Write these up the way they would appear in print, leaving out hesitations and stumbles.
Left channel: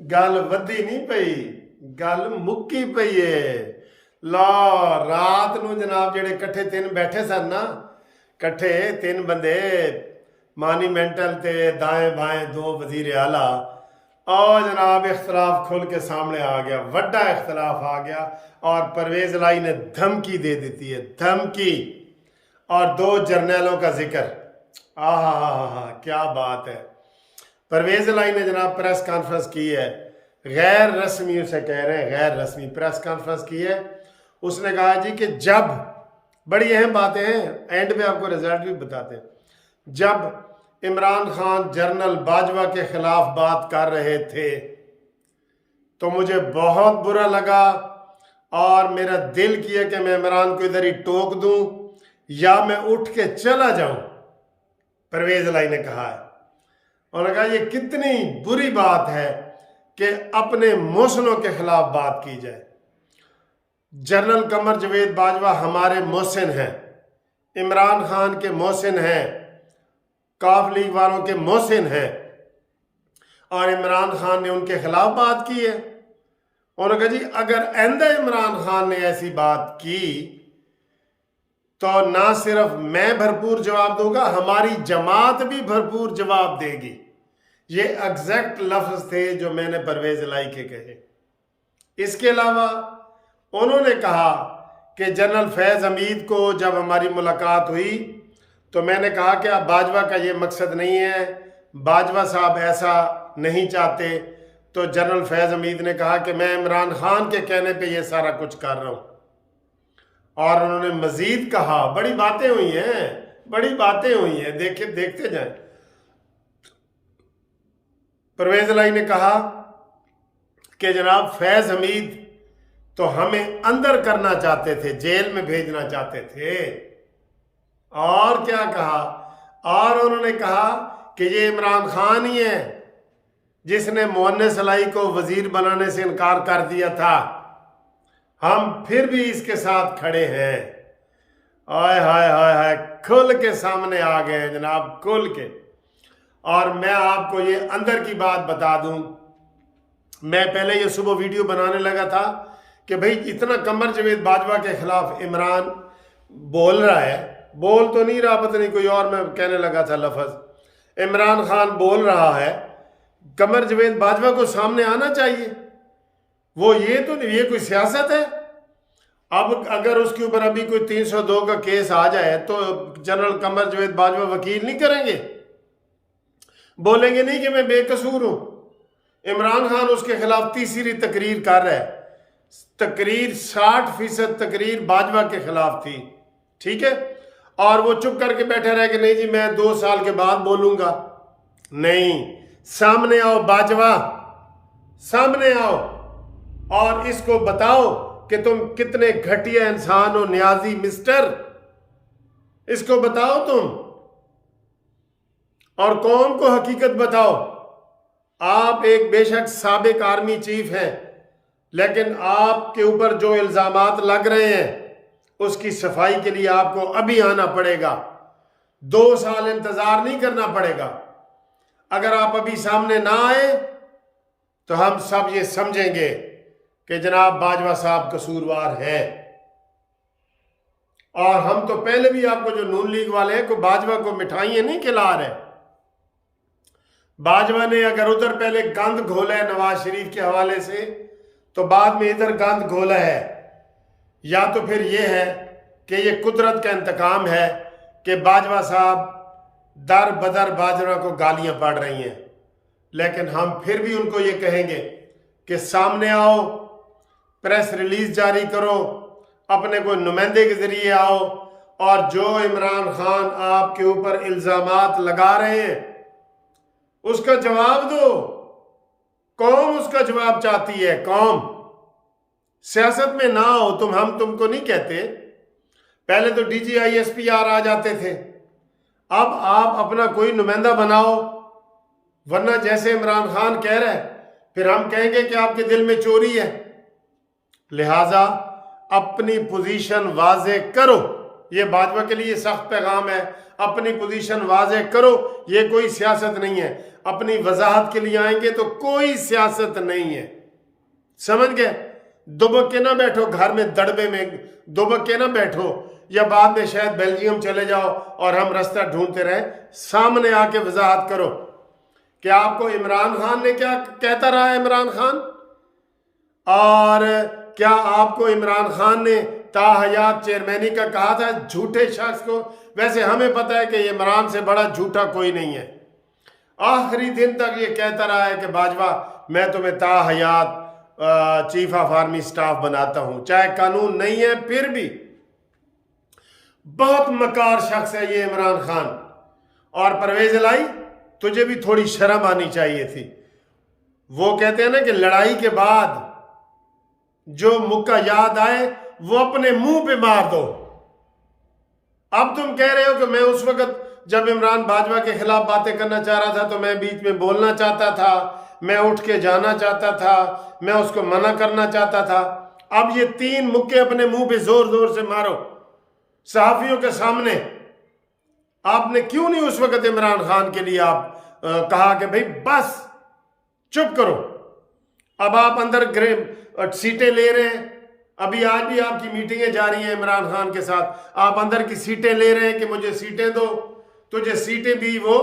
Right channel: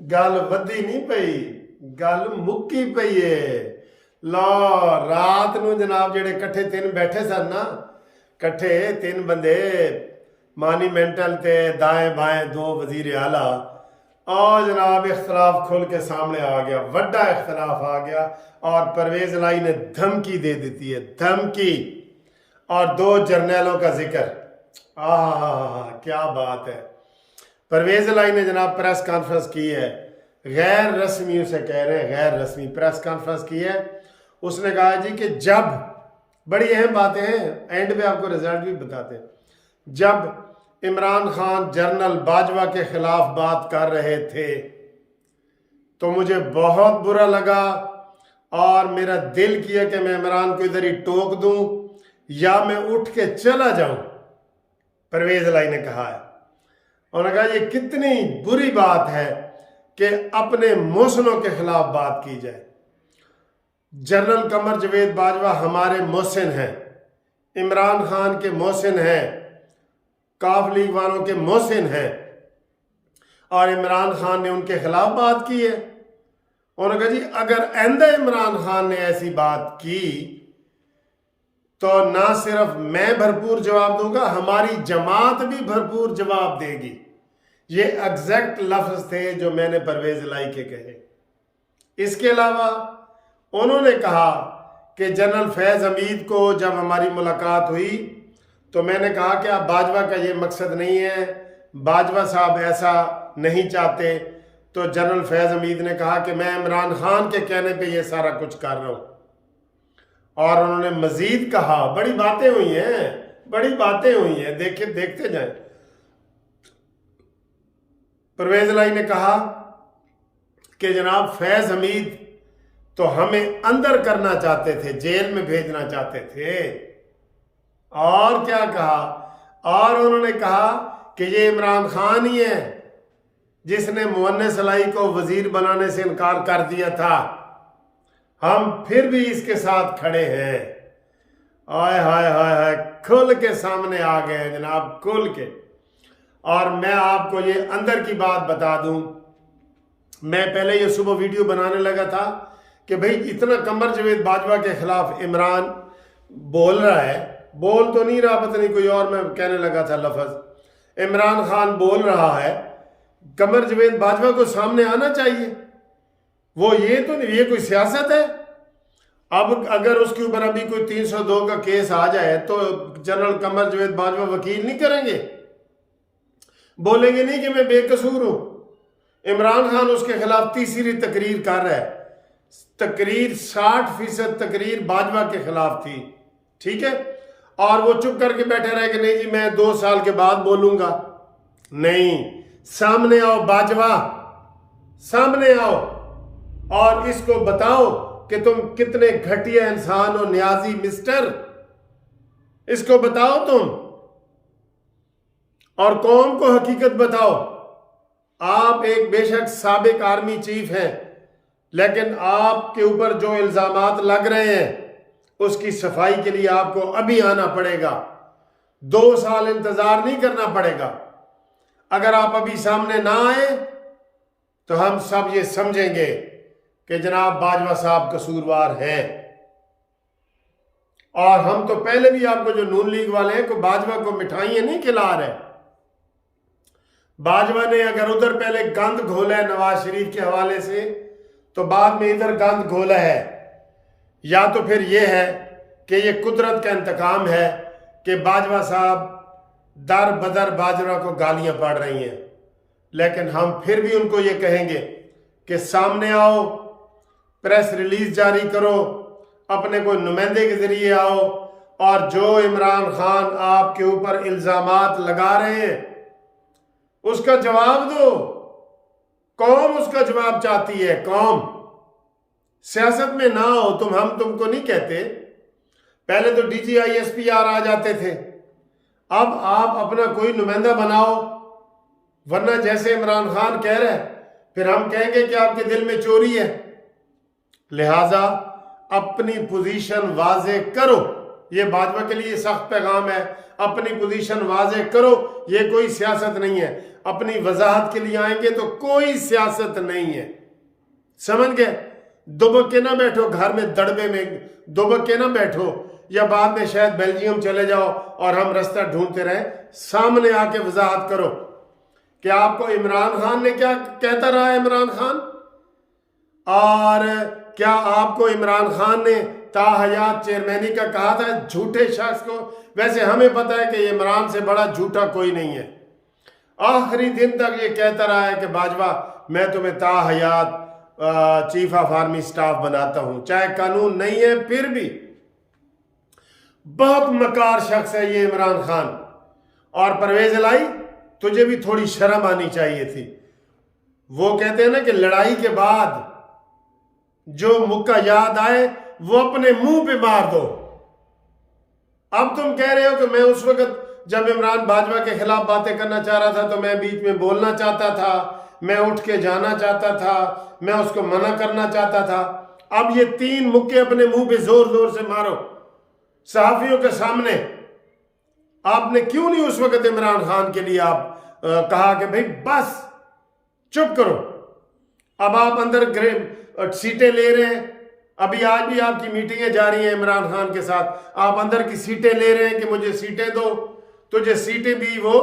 गल वधी नहीं पई, गल मुक्की पई है। लो रात ਨੂੰ जनाब ਜਿਹੜੇ ਇਕੱਠੇ ਤਿੰਨ ਬੈਠੇ ਸਨ ਨਾ, ਇਕੱਠੇ ਤਿੰਨ ਬੰਦੇ मानीमेंटल ते दाएं बाएं दो वजीर आला, और जनाब इख्तलाफ खुल के सामने आ गया, वड्डा इख्तलाफ आ गया और परवेज लाई ने धमकी दे देती है, धमकी। और दो जर्नैलों का जिक्र, आहा क्या बात है। परवेज लाई ने जनाब प्रेस कॉन्फ्रेंस की है, गैर रस्मी उसे कह रहे हैं, गैर रस्मी प्रेस कॉन्फ्रेंस की है। उसने कहा जी कि जब, बड़ी अहम बातें हैं, एंड पे आपको रिजल्ट भी बताते हैं, जब इमरान खान जनरल बाजवा के खिलाफ बात कर रहे थे तो मुझे बहुत बुरा लगा और मेरा दिल किया कि मैं इमरान को इधर ही टोक दूं या मैं उठ के चला जाऊं। परवेज लाई ने कहा है, उन्होंने कहा ये कितनी बुरी बात है कि अपने मोहसिनों के खिलाफ बात की जाए। जनरल कमर जवेद बाजवा हमारे मोहसिन हैं, इमरान खान के मोहसिन हैं, काफ लीग वालों के मोहसिन हैं, और इमरान खान ने उनके खिलाफ बात की है। उन्होंने कहा जी अगर आइंदा इमरान खान ने ऐसी बात की तो ना सिर्फ मैं भरपूर जवाब दूंगा, हमारी जमात भी भरपूर जवाब देगी। ये एग्जैक्ट लफ्ज थे जो मैंने परवेज लाई के कहे। इसके अलावा उन्होंने कहा कि जनरल फैज़ हमीद को जब हमारी मुलाकात हुई तो मैंने कहा कि अब बाजवा का ये मकसद नहीं है, बाजवा साहब ऐसा नहीं चाहते। तो जनरल फैज़ हमीद ने कहा कि मैं इमरान खान के कहने पे ये सारा कुछ कर रहा हूं। और उन्होंने मजीद कहा, बड़ी बातें हुई हैं, बड़ी बातें हुई हैं, देखते जाएं। परवेज लाई ने कहा कि जनाब फैज़ हमीद तो हमें अंदर करना चाहते थे, जेल में भेजना चाहते थे। और क्या कहा, और उन्होंने कहा कि ये इमरान खान ही है जिसने मुअन्निस लाई को वजीर बनाने से इनकार कर दिया था, हम फिर भी इसके साथ खड़े हैं। आय हाय हाय हाय, खुल के सामने आ गए हैं जनाब, खुल के। और मैं आपको ये अंदर की बात बता दूं, मैं पहले ये सुबह वीडियो बनाने लगा था कि भाई इतना कमर जवेद बाजवा के खिलाफ इमरान बोल रहा है, बोल तो नहीं रहा, पता नहीं कोई और मैं कहने लगा था लफज। इमरान खान बोल रहा है, कमर जवेद बाजवा को सामने आना चाहिए। वो ये तो नहीं, ये कोई सियासत है। अब अगर उसके ऊपर अभी कोई 302 का केस आ जाए तो जनरल कमर जवेद बाजवा वकील नहीं करेंगे, बोलेंगे नहीं कि मैं बेकसूर हूं। इमरान खान उसके खिलाफ तीसरी तकरीर कर रहा है, तकरीर 60% तकरीर बाजवा के खिलाफ थी, ठीक है। और वो चुप करके बैठे रहे कि नहीं जी मैं 2 साल के बाद बोलूंगा। नहीं, सामने आओ बाजवा, सामने आओ और इसको बताओ कि तुम कितने घटिया इंसान हो, न्याजी मिस्टर, इसको बताओ तुम, और कौम को हकीकत बताओ। आप एक बेशक साबिक आर्मी चीफ हैं, लेकिन आपके ऊपर जो इल्जामात लग रहे हैं उसकी सफाई के लिए आपको अभी आना पड़ेगा, 2 साल इंतजार नहीं करना पड़ेगा। अगर आप अभी सामने ना आए तो हम सब ये समझेंगे कि जनाब बाजवा साहब कसूरवार हैं। और हम तो पहले भी आपको जो नून लीग वाले हैं को बाजवा को मिठाइयां नहीं खिला रहे। बाजवा ने अगर उधर पहले गंद घोला है नवाज शरीफ के हवाले से, तो बाद में इधर गंद घोला है। या तो फिर यह है कि यह कुदरत का इंतकाम है कि बाजवा साहब दर बदर बाजवा को गालियां पड़ रही हैं, लेकिन हम फिर भी उनको ये कहेंगे कि सामने आओ, प्रेस रिलीज जारी करो, अपने कोई नुमाइंदे के जरिए आओ, और जो इमरान खान आपके ऊपर इल्जामात लगा रहे हैं उसका जवाब दो। कौम उसका जवाब चाहती है, कौम। सियासत में ना हो तुम, हम तुमको नहीं कहते। पहले तो DGISPR आ जाते थे, अब आप अपना कोई नुमाइंदा बनाओ, वरना जैसे इमरान खान कह रहे फिर हम कहेंगे कि आपके दिल में चोरी है। लिहाजा अपनी पोजीशन वाजे करो। ये बाजवा के लिए सख्त पैगाम है। अपनी पोजीशन वाज़ेह करो, ये कोई सियासत नहीं है। अपनी वजाहत के लिए आएंगे तो कोई सियासत नहीं है, समझ गए। दुबक के ना बैठो घर में, दड़बे में दुबक के ना बैठो, या बाद में शायद बेल्जियम चले जाओ और हम रास्ता ढूंढते रहे। सामने आके वजाहत करो कि आपको इमरान खान ने क्या कहता रहा है, इमरान खान, और क्या आपको इमरान खान ने ताहयात चेयरमैनी का कहा था झूठे शख्स को। वैसे हमें पता है कि इमरान से बड़ा झूठा कोई नहीं है। आखिरी दिन तक ये कहता रहा है कि बाजवा मैं तुम्हें ताहयात चीफ ऑफ आर्मी स्टाफ बनाता हूं, चाहे कानून नहीं है फिर भी। बहुत मकार शख्स है ये इमरान खान। और परवेज इलाही, तुझे भी थोड़ी शर्म आनी चाहिए थी। वो कहते हैं ना कि लड़ाई के बाद जो मुक्का याद आए वो अपने मुंह पे मार दो। अब तुम कह रहे हो कि मैं उस वक्त जब इमरान बाजवा के खिलाफ बातें करना चाह रहा था तो मैं बीच में बोलना चाहता था, मैं उठ के जाना चाहता था, मैं उसको मना करना चाहता था। अब ये 3 मुक्के अपने मुंह पे जोर जोर से मारो सहाफियों के सामने। आपने क्यों नहीं उस वक्त इमरान खान के लिए आप कहा कि भाई बस चुप करो। अब आप अंदर सीटें ले रहे हैं, अभी आज भी आपकी मीटिंगें जा रही हैं इमरान खान के साथ, आप अंदर की सीटें ले रहे हैं कि मुझे सीटें दो। तुझे सीटें भी वो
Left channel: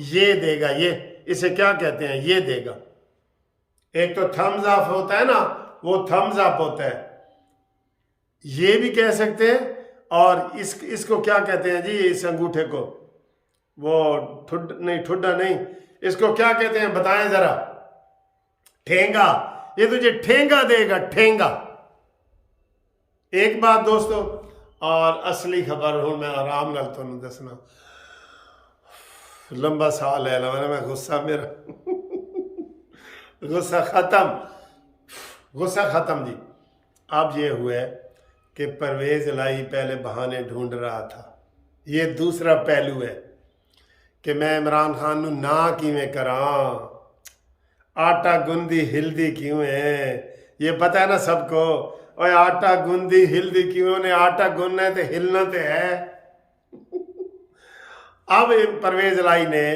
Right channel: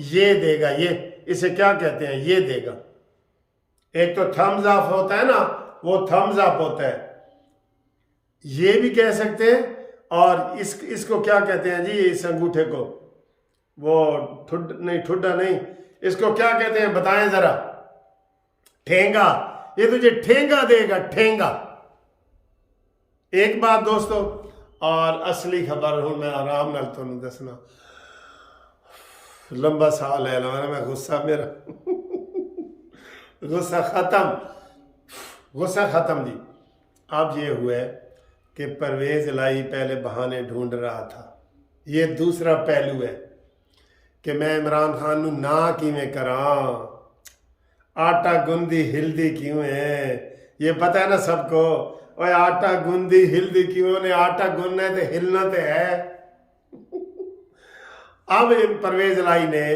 ये देगा, ये इसे क्या कहते हैं, ये देगा। एक तो थम्स अप होता है ना, वो थम्स अप होता है, ये भी कह सकते हैं। और इसको क्या कहते हैं जी, इस अंगूठे को, वो ठुड्डा नहीं, इसको क्या कहते हैं बताएं जरा। ठेंगा, ये तुझे ठेंगा देगा, ठेंगा। एक बात दोस्तों, और असली खबर हूं मैं आराम नाल तुहानू दसना। लंबा साह ले ला, मैं गुस्सा मेरा गुस्सा खत्म जी। अब ये हुआ कि परवेज इलाही पहले बहाने ढूंढ रहा था। ये दूसरा पहलू है कि मैं इमरान खान नू ना किवें करां, आटा गुंदी हिलदी क्यों है, ये पता है ना सबको। और आटा गुंदी हिलदी क्यों ने, आटा गुनना है तो हिलना तो है अब परवेज इलाही ने,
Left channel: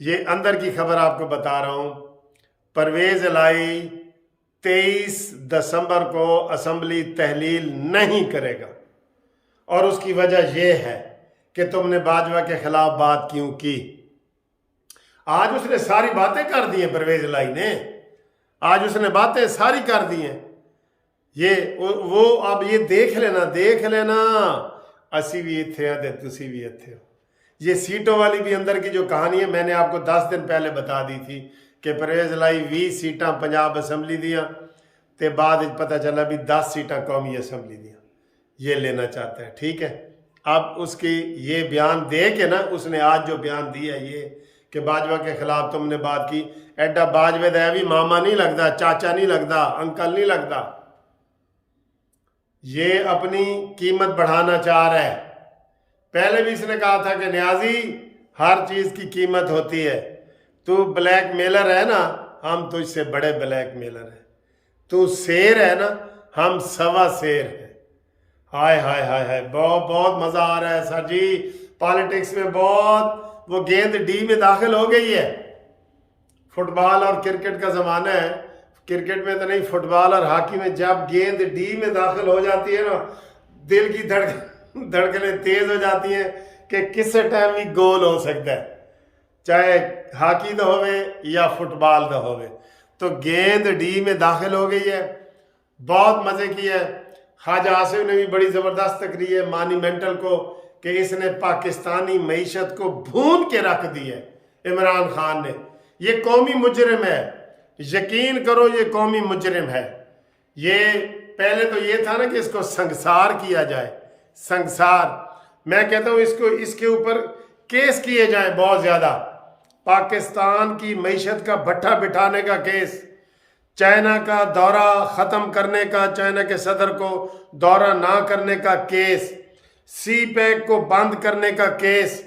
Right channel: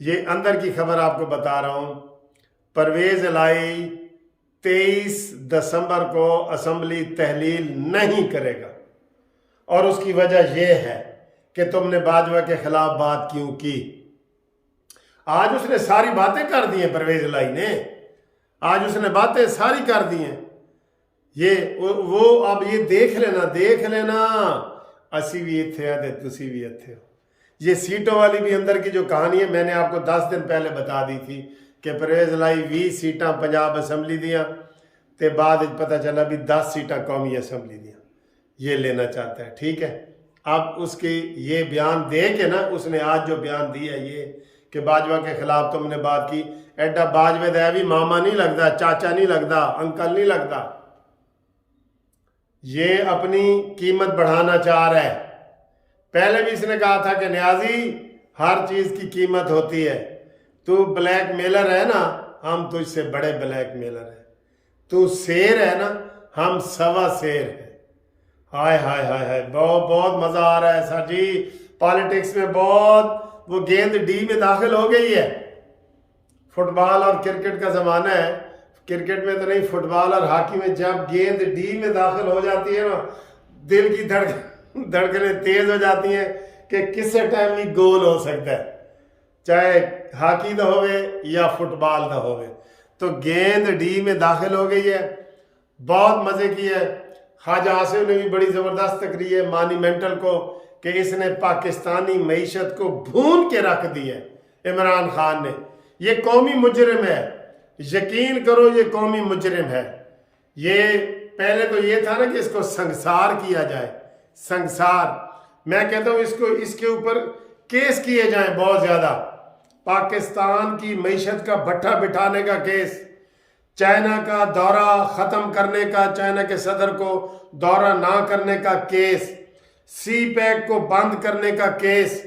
ये अंदर की खबर आपको बता रहा हूं, परवेज इलाही 23 दिसंबर को असेंबली तहलील नहीं करेगा। और उसकी वजह यह है कि तुमने बाजवा के खिलाफ बात क्यों की। आज उसने सारी बातें कर दी हैं, परवेज इलाही ने आज उसने बातें सारी कर दी हैं। ये वो अब ये देख लेना असी भी इत्थे हैं ते तुसी भी इत्थे हो। ये सीटों वाली भी अंदर की जो कहानी है मैंने आपको 10 दिन पहले बता दी थी कि परवेज इलाही 20 सीटां पंजाब असैम्बली दियां ते बाद पता चला भी 10 सीटां कौमी असैम्बली दियां ये लेना चाहता है। ठीक है, अब उसकी ये बयान दे के ना, उसने आज जो बयान दिया ये कि बाजवा के खिलाफ तुमने बात की, एडा बाजवे दा भी मामा नहीं लगता, चाचा नहीं लगता, अंकल नहीं लगता। ये अपनी कीमत बढ़ाना चाह रहा है। पहले भी इसने कहा था कि न्याजी हर चीज की कीमत होती है, तू ब्लैक मेलर है ना, हम तो इससे बड़े ब्लैक मेलर हैं, तू शेर है ना, हम सवा शेर हैं। हाय हाय हाय हाय, बहुत बहुत मजा आ रहा है सर जी। पॉलिटिक्स में बहुत, वो गेंद डी में दाखिल हो गई है। फुटबॉल और क्रिकेट का जमाना है, क्रिकेट में तो नहीं, फुटबॉल और हॉकी में जब गेंद डी में दाखिल हो जाती है ना, दिल की धड़कनें तेज हो जाती हैं कि किसी टाइम भी गोल हो सकता है, चाहे हॉकी दा होवे या फुटबॉल दा होवे। तो गेंद डी में दाखिल हो गई है, बहुत मजे की है। ख्वाजा आसिफ ने भी बड़ी जबरदस्त तकरीर है मॉन्यूमेंटल को कि इसने पाकिस्तानी मईशत को भून के रख दी है इमरान खान ने। ये कौमी मुजरिम है, यकीन करो ये कौमी मुजरिम है। ये पहले तो ये था ना कि इसको संसार किया जाए, संसार। मैं कहता हूं इसको, इसके ऊपर केस किए जाएं बहुत ज्यादा। पाकिस्तान की मईशत का भट्ठा बिठाने का केस, चाइना का दौरा खत्म करने का, चाइना के सदर को दौरा ना करने का केस, सी पैक को बंद करने का केस,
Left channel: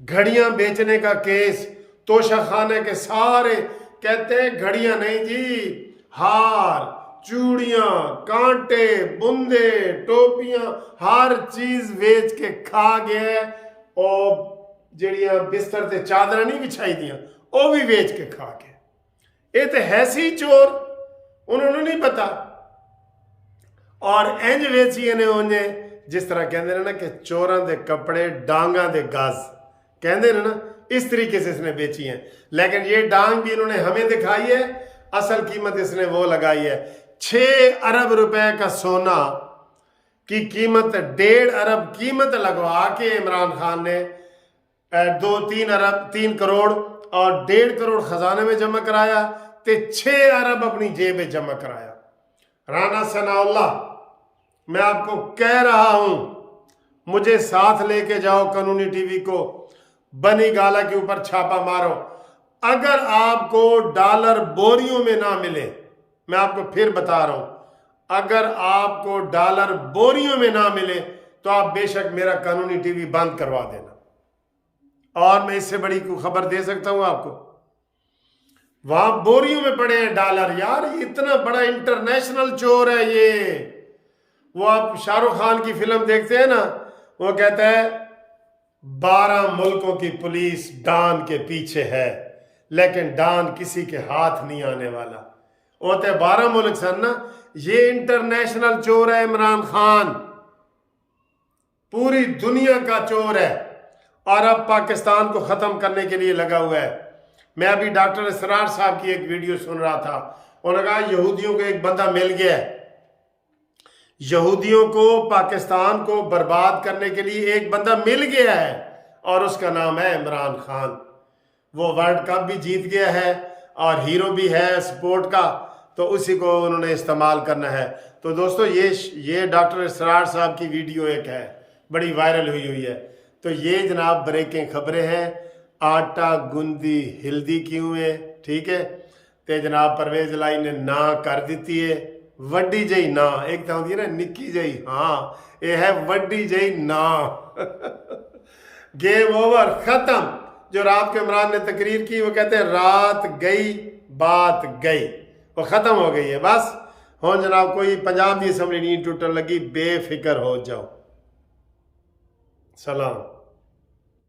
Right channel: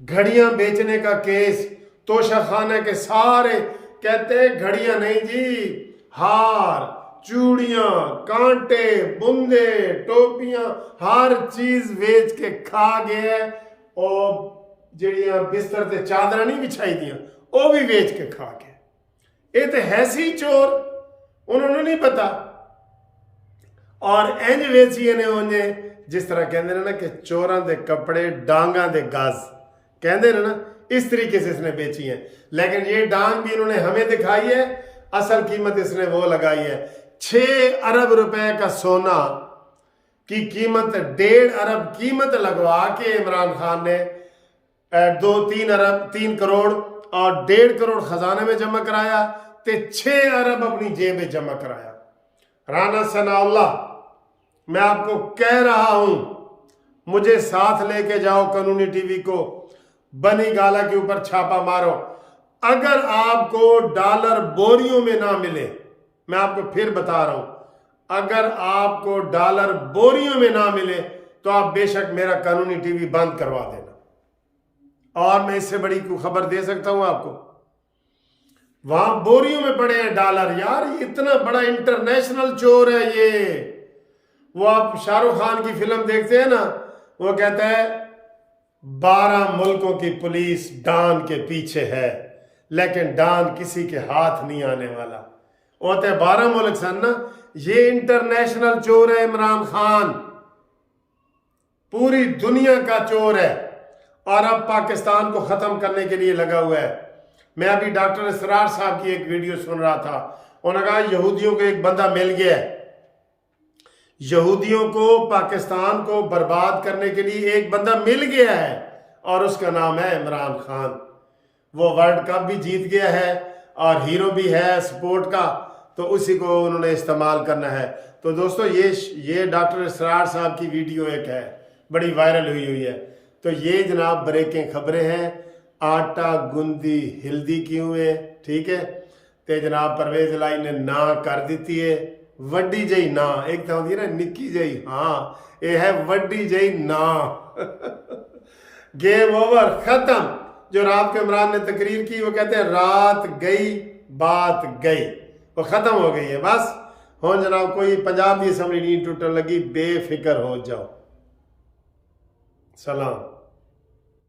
घड़ियां बेचने का केस, तोशाखाने के सारे कहते हैं घड़ियां नहीं जी, हार, चूड़ियां, कांटे, बुंदे, टोपियां, हर चीज वेच के खा गया। और ਜਿਹੜੀਆਂ बिस्तर ते चादर नहीं बिछाई दियां वो भी वेच के खा गए। ये तो है सी चोर, उन्होंने नहीं पता। और इंज वेचिए ने उन्हें जिस तरह कहते हैं ना कि चोरां दे कपड़े डांगा दे गाज कहते हैं ना, इस तरीके से इसने बेची है। लेकिन ये डांग भी इन्होंने हमें दिखाई है, असल कीमत इसने वो लगाई है 6 अरब रुपए का सोना की कीमत, 1.5 अरब कीमत लगवा के इमरान खान ने 3 करोड़ और 1.5 करोड़ खजाने में जमा कराया, ते 6 अरब अपनी जेब में जमा कराया। राना सनाउल्लाह, मैं आपको कह रहा हूं, मुझे साथ लेके जाओ कानूनी टीवी को, बनी गाला के ऊपर छापा मारो। अगर आपको डॉलर बोरियों में ना मिले, मैं आपको फिर बता रहा हूं, अगर आपको डॉलर बोरियों में ना मिले तो आप बेशक मेरा कानूनी टीवी बंद करवा देना। और मैं इससे बड़ी कोई खबर दे सकता हूं आपको, वहां बोरियों में पड़े हैं डॉलर। यार ये इतना बड़ा इंटरनेशनल चोर है ये। वो आप शाहरुख खान की फिल्म देखते हैं ना, वो कहता है 12 मुल्कों की पुलिस डॉन के पीछे है, लेकिन डॉन किसी के हाथ नहीं आने वाला। वो तो 12 मुल्क सन ना, ये इंटरनेशनल चोर है इमरान खान, पूरी दुनिया का चोर है और अब पाकिस्तान को खत्म करने के लिए लगा हुआ है। मैं अभी डॉक्टर इसरार साहब की एक वीडियो सुन रहा था, उन्होंने कहा यहूदियों को एक बंदा मिल गया है, यहूदियों को पाकिस्तान को बर्बाद करने के लिए एक बंदा मिल गया है और उसका नाम है इमरान खान। वो वर्ल्ड कप भी जीत गया है और हीरो भी है स्पोर्ट का, तो उसी को उन्होंने इस्तेमाल करना है। तो दोस्तों ये डॉक्टर इसरार साहब की वीडियो एक है, बड़ी वायरल हुई है। तो ये जनाब ब्रेकिंग खबरें हैं, आटा गुंदी हिल्दी क्यों है, ठीक है। तो जनाब परवेज लाई ने ना कर दी है, वड्डी जई ना, एक तो होती है ना निक्की जई हाँ, ये है वड्डी जई ना। गेम ओवर, खत्म। जो रात को इमरान ने तकरीर की, वो कहते हैं रात गई बात गई, वो खत्म हो गई है बस। हो जनाब कोई पंजाब की असम्बली नहीं टूटन लगी, बेफिक्र हो जाओ। सलाम।